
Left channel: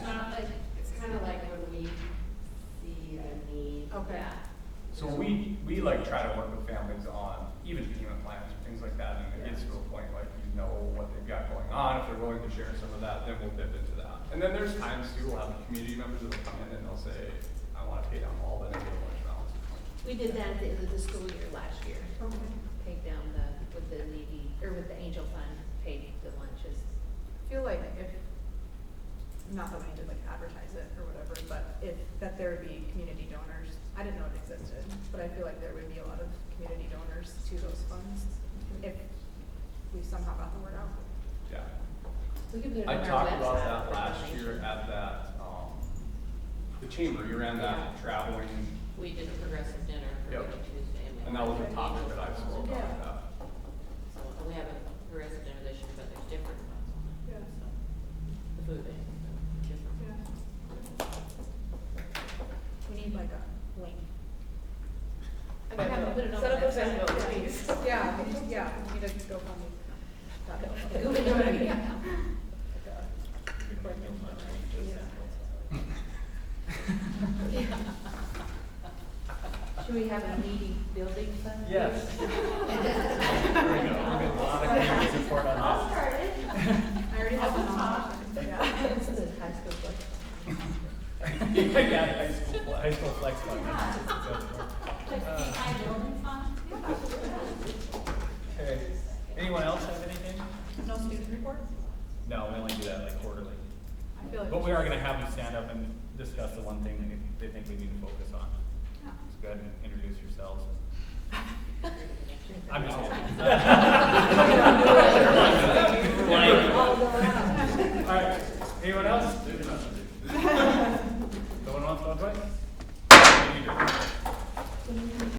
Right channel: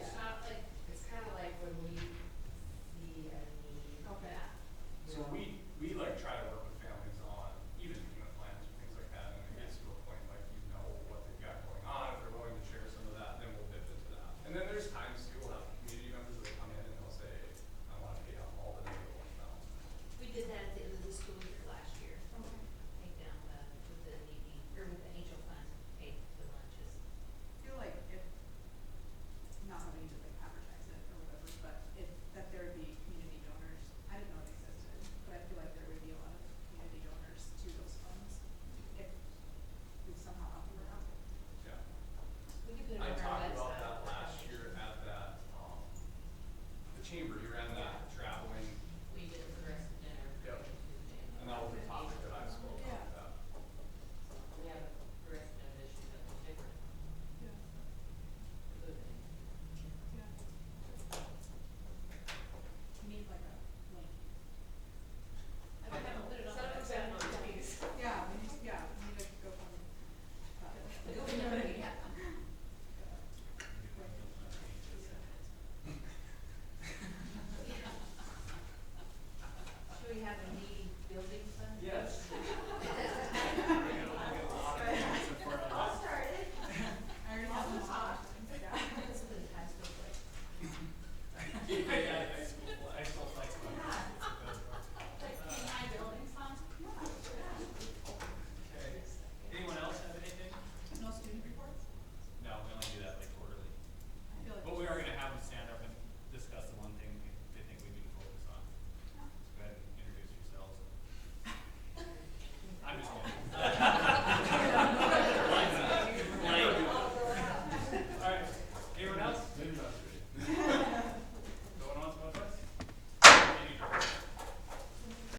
kind of like when we see a need. Okay. So we like try to work with families on, even treatment plans and things like that, and it gets to a point like we know what they've got going on, if they're willing to share some of that, then they'll dip into that. And then there's times too, we'll have community members that will come in and they'll say, I wanna pay down all that. We did that at the end of the school year last year. Paid down with the needy, or with the angel fund, paid the lunches. I feel like if, not that we did like advertise it or whatever, but if, that there would be community donors. I didn't know it existed, but I feel like there would be a lot of community donors to those funds if we somehow got the word out. Yeah. We could do it I on our talked about website. that last year at that, the chamber, you ran that traveling, We did the progressive dinner. Yep. and that was a topic that I spoke about. So we have a progressive dinner this year, but there's different food. We need like a link. Okay, we'll put it on Set up the a website. video, please. Yeah, yeah, we need to go from. We'll do it. Should we have a needy building fund? Yes. Report on that. I already have one. This is a high school book. Yeah, high school flex fund. Okay, anyone else have anything? No student report? No, we only do that quarterly. I feel like. But we are gonna have you stand up and discuss the one thing they think they need to focus on. Go ahead and introduce yourselves. I'm just kidding.